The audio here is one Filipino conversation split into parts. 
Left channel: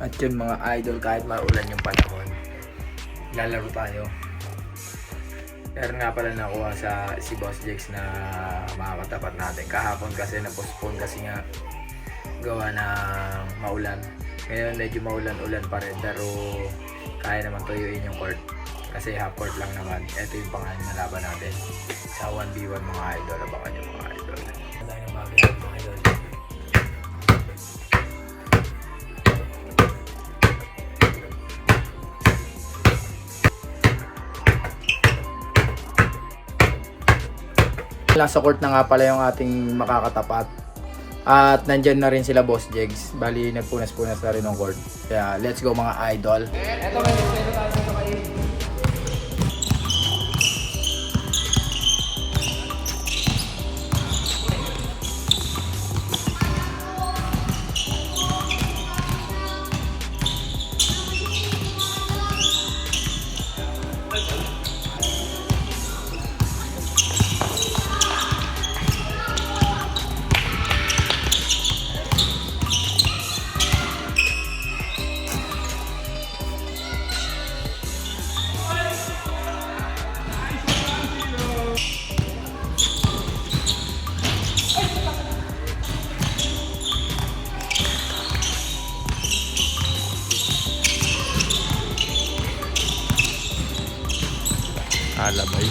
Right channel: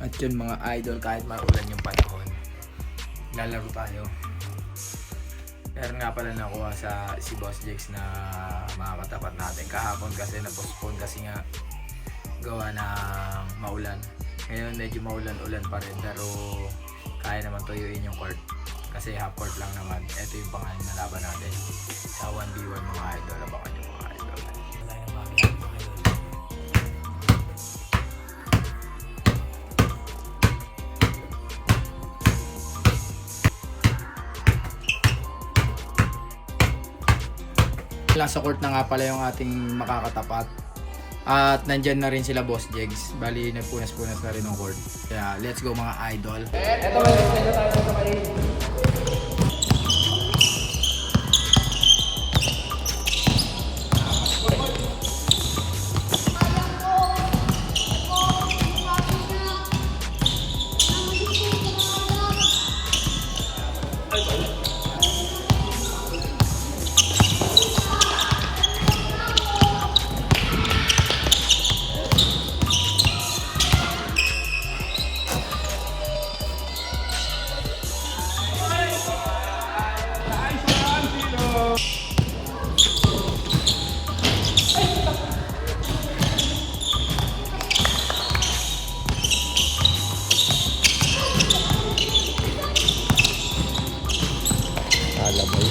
At yun mga idol, kahit maulan yung panahon, lalaro tayo. Pero nga pala nakuha si Boss Jex na makakatapat natin. Kahapon kasi na-postpone kasi nga gawa ng maulan. Ngayon medyo maulan-ulan pa rin pero kaya naman tuyuin yung court. Kasi half court lang naman. Ito yung pangalan na laban natin sa 1v1 mga idol. Abangan yung mga idol. Wala yung mga idol. Sa court na nga pala yung ating makakatapat. At nandyan na rin sila Boss Jegs. Bali nagpunas-punas na rin ng court. Kaya let's go mga idol. Eto may tayo dito kayo. Alabay.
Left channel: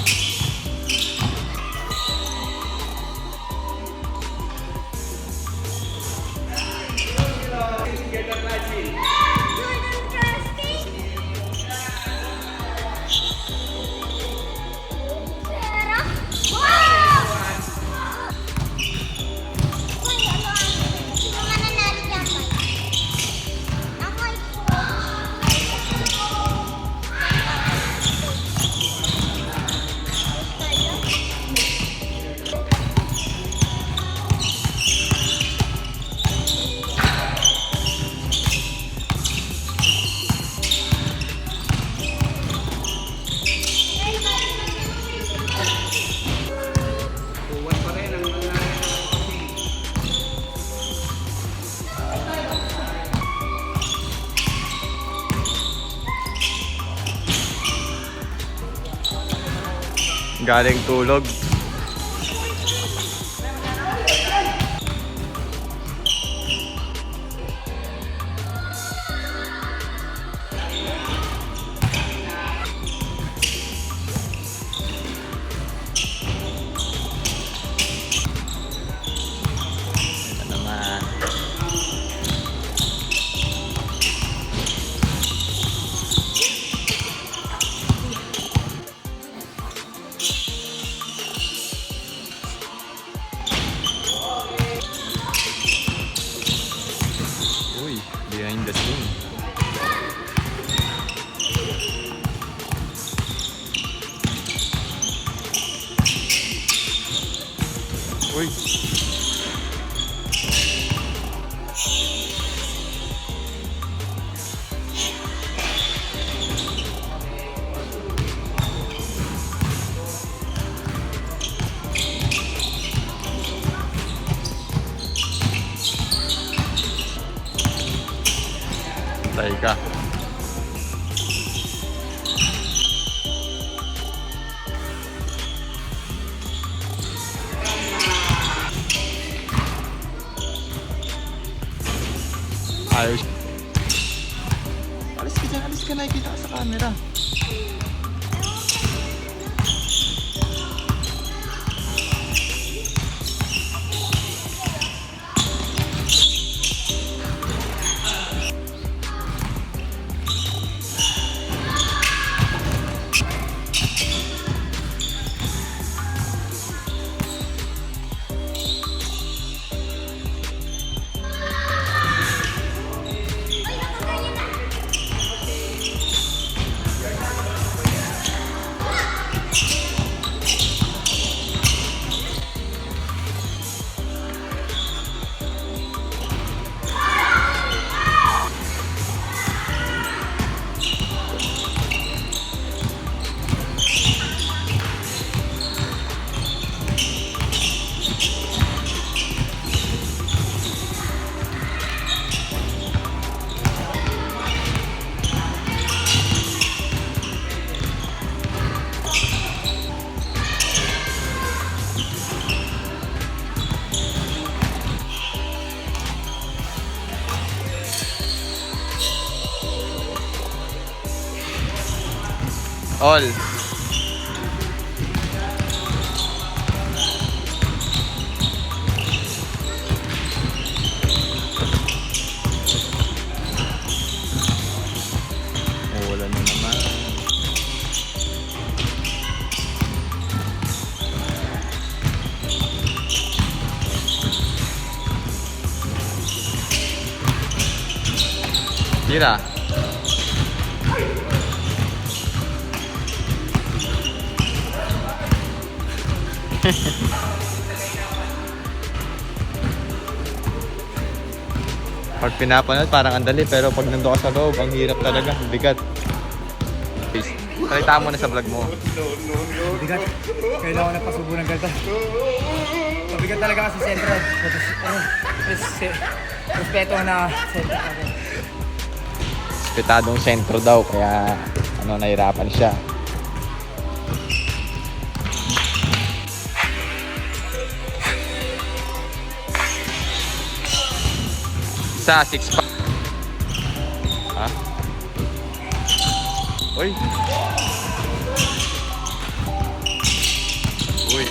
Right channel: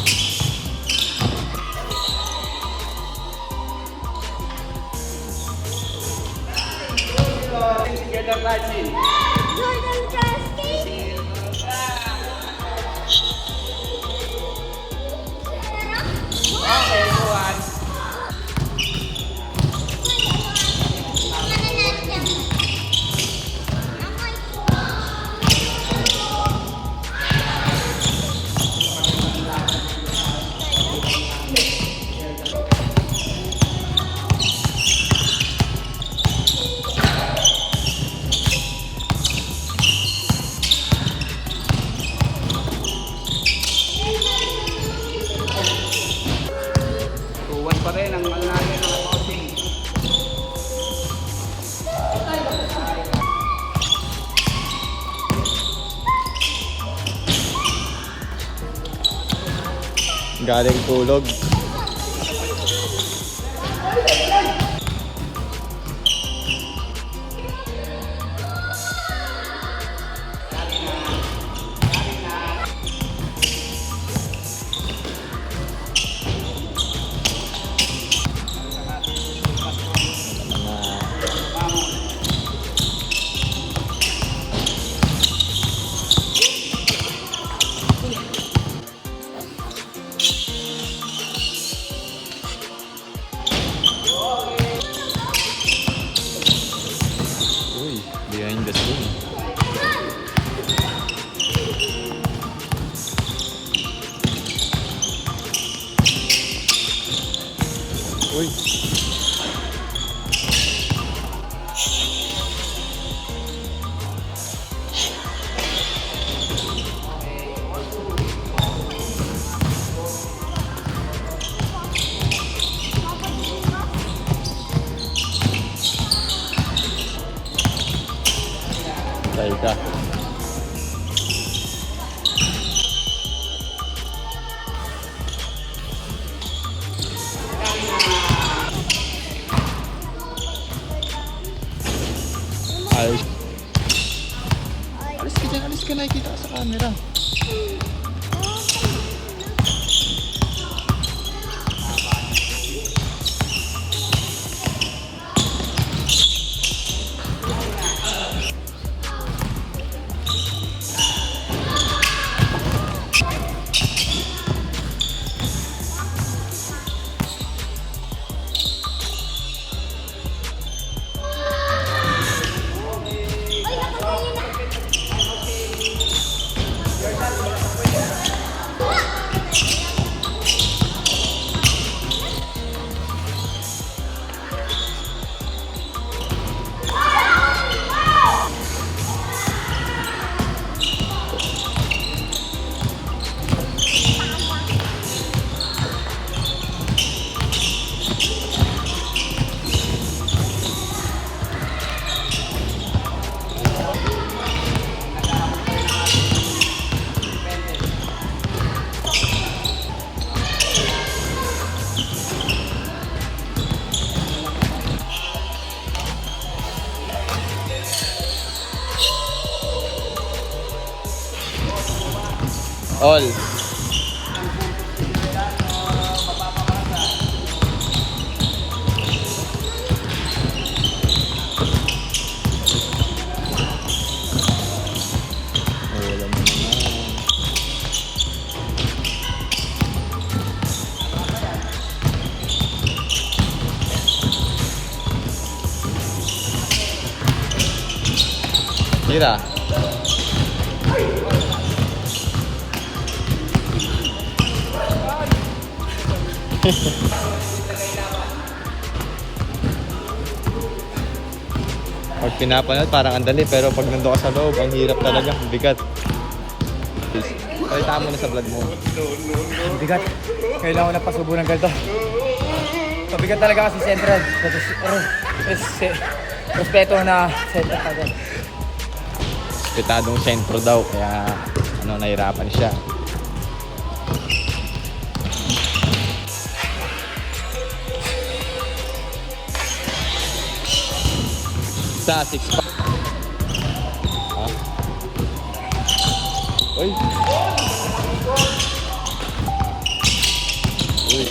Galing tulog. Behind the scene. Uy. Patay ka. Ayos. Alis ka dyan, alis ka, nakikita ka sa camera. All. Wala na naman. Tira. Pag pinapanood parang ang dali, pero pag nandun ka sa loob, ang hirap talaga, bigat. Salita mo na sa vlog mo. Bigat. Kailangan ko na pasubo ng ganito. Pabigat talaga kasi sentro. Respeto na sentro pa din. Respetadong sentro daw, kaya nahirapan siya. Sa 6 pa. Ha? Uy. Uy.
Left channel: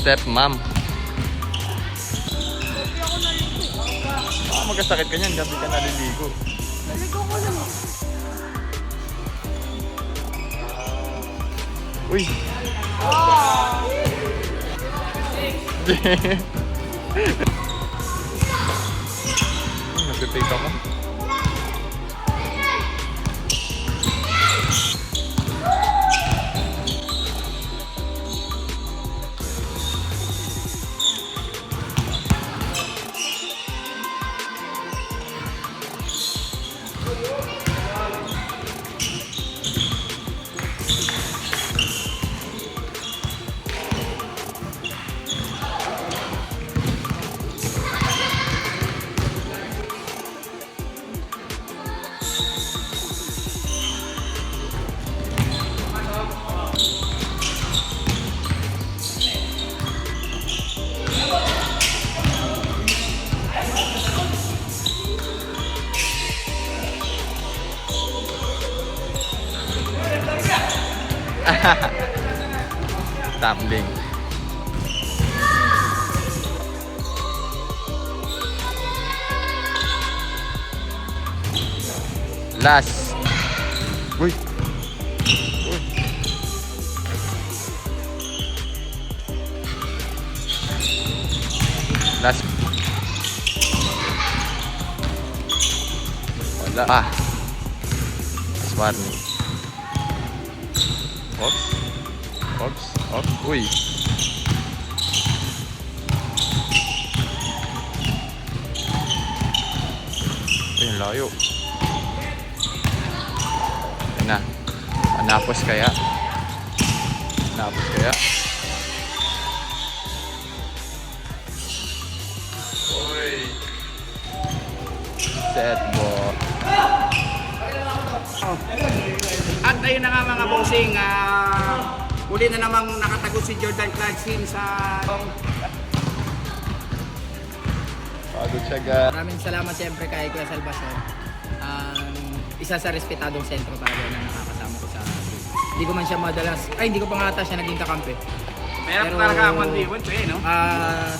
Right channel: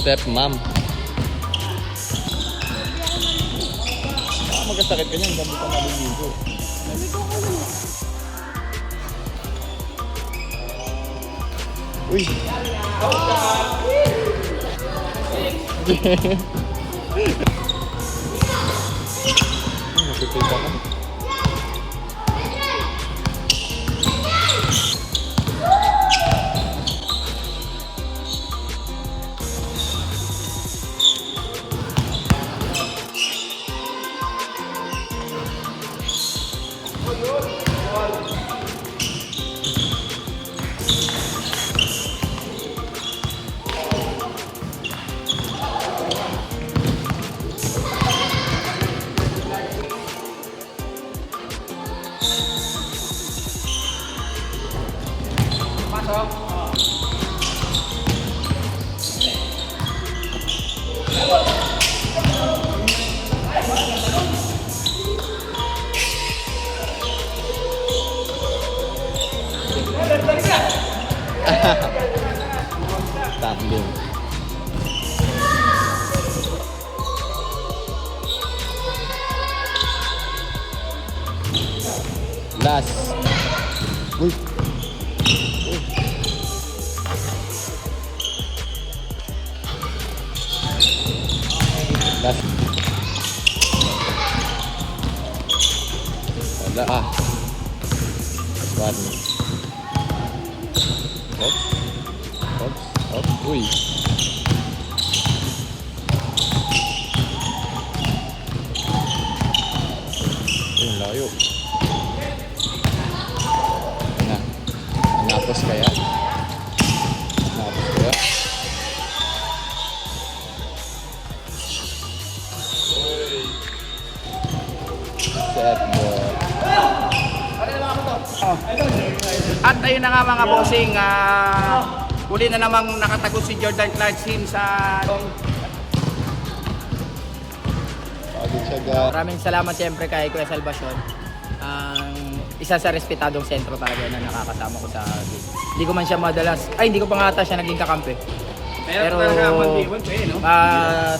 Step mom. Baka magkasakit ka niyan, gabi ka naliligo. Uy. Nagtitake ako. Tumbling. Last. Uy. Uy. Last. Wala ah. Last warning. Oops. Oops. Oops. Uy. Ay, ang layo. Na. Napos kaya? Napos kaya? Set ball. At ayun na nga mga bossing, uli na namang nakatago si Jordan Clarkson sa... Pagod siya ga. Maraming salamat siyempre kay Kuya Salvacion. Isa sa respetadong sentro talaga na nakakasama ko sa... Hindi ko man siya madalas... Ay, hindi ko pa nga ata siya naging kakampi. Pero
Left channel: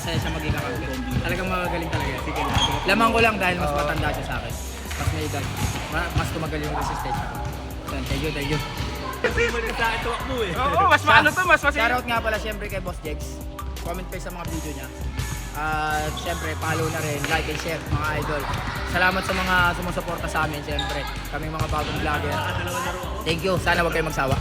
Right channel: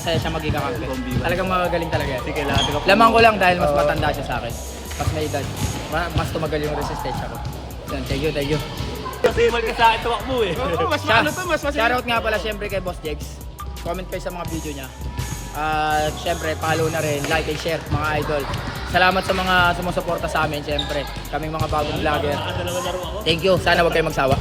saya siya maging kakampi. Talagang magagaling talaga. Lamang ko lang dahil mas matanda siya sa akin. Mas may edad. Mas tumagal yung resistensya ko. Thank you, thank you. Kasi ka sa akin tuwak mo eh. Oo, mas ano to, mas shoutout nga pala siyempre kay Boss Jegs. Comment kayo sa mga video niya. At siyempre, follow na rin, like and share mga idol. Salamat sa mga sumusuporta sa amin siyempre. Kaming mga bagong vlogger. Thank you, sana huwag kayong magsawa.